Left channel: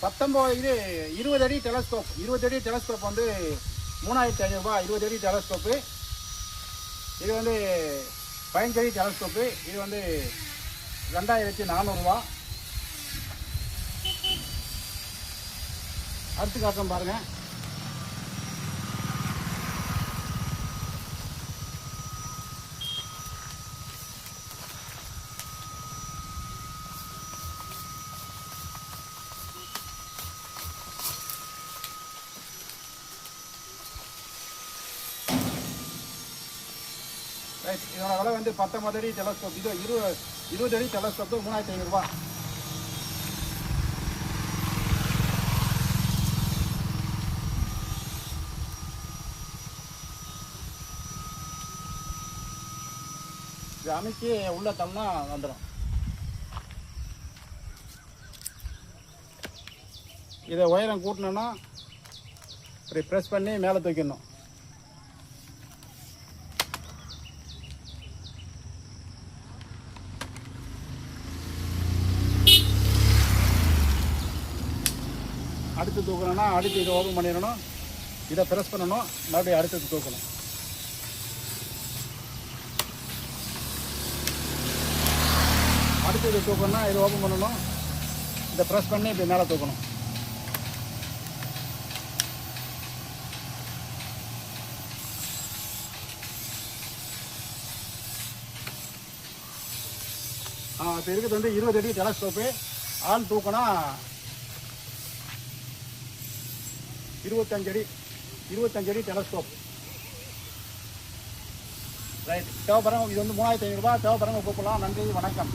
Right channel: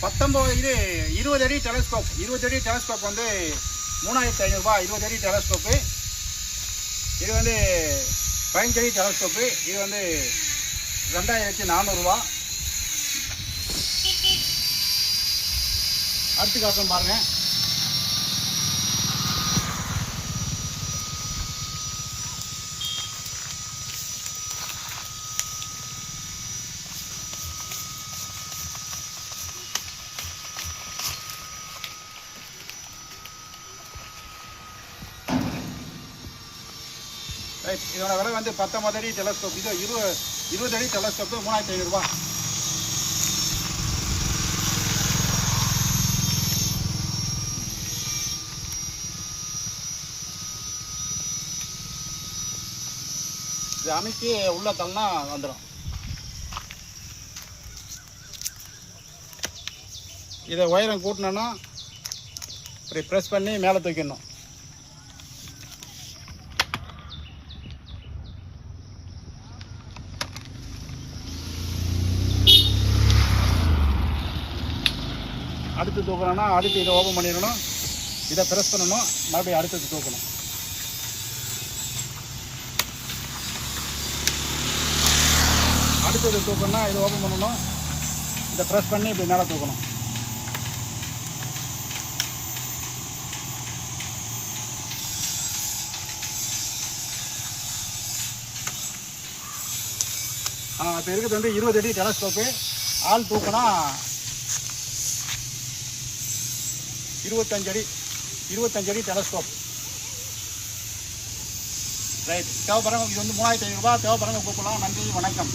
இது 20 அடி டெலஸ்கோப். 20 அடி டெலஸ்கோப் வந்து 3500 ரூபாய். 20 அடி டெலஸ்கோப்பு. இது வந்து 15 அடி டெலஸ்கோப்பு. இது வந்து 2400 ரூபா. அடுத்து காட்டுறோம் பாருங்க. ரைட், இதோட விலை வந்து 19 அடி டெலஸ்கோப். இது 20 அடி டெலஸ்கோப்பு 3500 ரூபா. இது அமைச்சு உள்ள தள்ளனா வந்துடும். இதை உயரம் கூட்டினோன்னா இப்படி ப்ரெஸ் பண்ணி மேலே தூக்கிடணும். அடுத்து தூக்கணும்னா அடுத்து இதை ஓப்பன் பண்ணிடணும். இதை ப்ரெஸ் பண்ணணும். மறுபடியும் அடுத்தது தூக்கணும். அடுத்தது தூக்கணும்னா இதை ஓப்பன் பண்ணணும். இதை ப்ரெஸ் பண்ணி இப்படி மேலே தூக்கணும். இப்போ இருக்கிறது வந்து 20 அடி டெலஸ்கோப்பு. ஆள் தூக்கினா 25 அடி டெலஸ்கோப். ரைட், தேவைப்படுறவங்க இது வந்து 3500 ரூபா. தேவைப்படுறவங்க கூப்பிடலாம். நன்றி, வணக்கம்.